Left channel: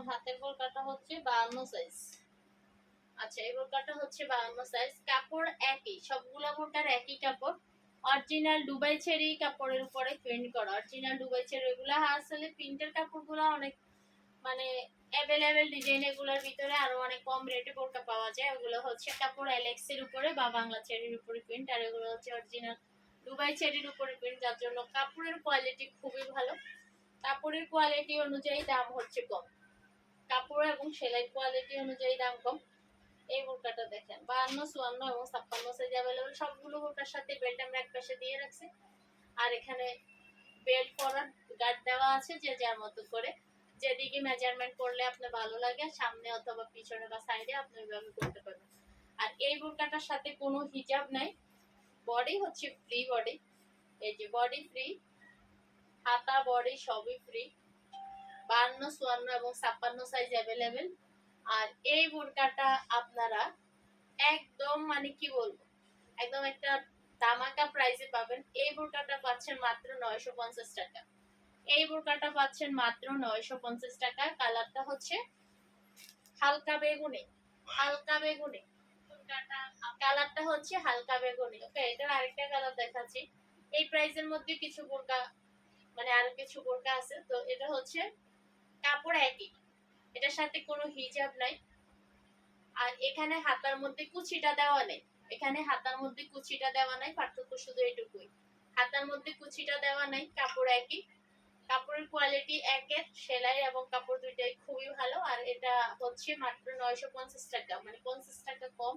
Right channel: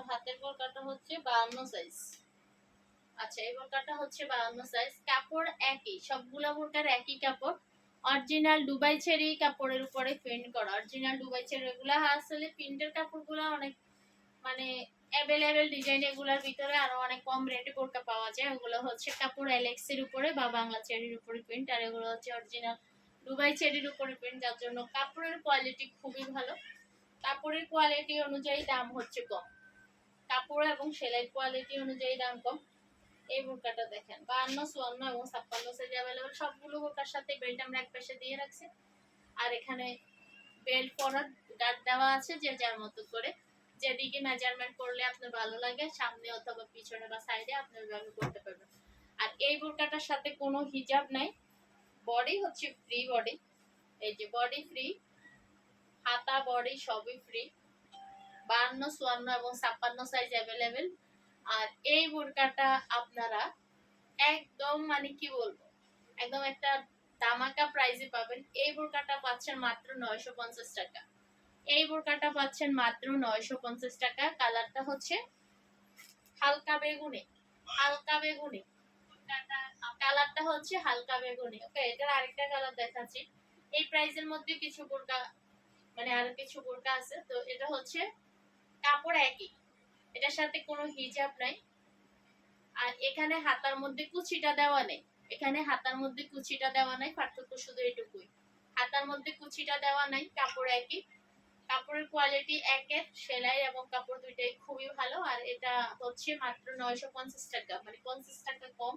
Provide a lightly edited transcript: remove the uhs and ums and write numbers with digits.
আমার হাতের বোরকাটা হচ্ছে 52 সাইজ। আচ্ছা, এই বোরকাটা হচ্ছে 52 সাইজ। কাপড় একই, সবগুলা বোরকার একই কাপড়। অরিজিনাল দুবাই চেরি কাপড়ের উপরে প্রিন্ট করা। অরিজিনাল দুবাই চেরি, এগুলা আসলে প্রিন্টের কাপড়গুলা অনেক মানে অ্যাভেলেবেল ডিজাইন, এগুলোর ভিতরে আরো অনেক কম রেটে বোরকা পাওয়া যায়। ওগুলো হচ্ছে কাপড় এলেক্স এর উপরে বা বাংলা চেরির উপরে প্রিন্ট, আর এগুলো হচ্ছে অরিজিনাল দুবাই চেরির উপরে প্রিন্ট, যার জন্য কাপড়ের কোয়ালিটি খুবই ভালো। কাপড়ের কোয়ালিটি অনুযায়ী দাম হচ্ছে কম, কাপড় এবং সেলাই কোয়ালিটি অনুযায়ী দাম কম। এই বোরকাটা দেখেন 52, 54 এবং 56 সাইজ অ্যাভেলেবল। সবগুলো বোরকার সাথে বেল্ট আমরা এক পাশে দিয়ে রাখছি, আর এখানে বেল্ট পরার গার্ড দেওয়া আছে যে যার মতো করে, যেদিকে মেজারমেন্ট করলে আপনার ভালো লাগে সামনে অথবা পিছনে বা সাইডে আপনি ওইভাবে করতে পারবেন। আর এই বোরকাটার সাথে কোনো হিজাব নাই, বডি হচ্ছে ফ্রি বডি। এই যে বডি ফ্রি, হাতা বডি সবই ফ্রি। 52, 54 এবং 56 সাইজ অ্যাভেলেবেল। আর এই বোরকাটা আপনারা একদম মানে কি বলবো, একদম একটা ধামাকা প্রাইসে পাবেন। এই বোরকাটা পাচ্ছেন মাত্র 950 টাকা। এই বোরকাটা পাচ্ছেন মাত্র 950 টাকা। কালারটা হচ্ছে হালকা বেগুনি, হালকা বেগুনি। কালারটা হচ্ছে হালকা বেগুনি। ওকে, এটার আরেকটা কালার দেখাচ্ছি। এই প্রাইসের মধ্যে কিছু বোরকা মানে আরো কিছু বোরকা আছে, তো এটা হচ্ছে কাপড় একই, এটার সাথে কোনো হিজাব নাই। আর এখানে হাতার মধ্যে কুচিটা দেওয়া নেই, এখানে হাতার মধ্যে কুচিটা দেওয়া নাই, পার্থক্য শুধু এটুকুই। হাতার মধ্যে কুচিটা দেওয়া নাই, কাপড় একই, কাপড়ের কোয়ালিটি একের, সেলাই এবং কাপড় দুইটাই খুবই ভালো। আর এটা হচ্ছে মাত্র 950 টাকা, মানে 50 টাকা কম।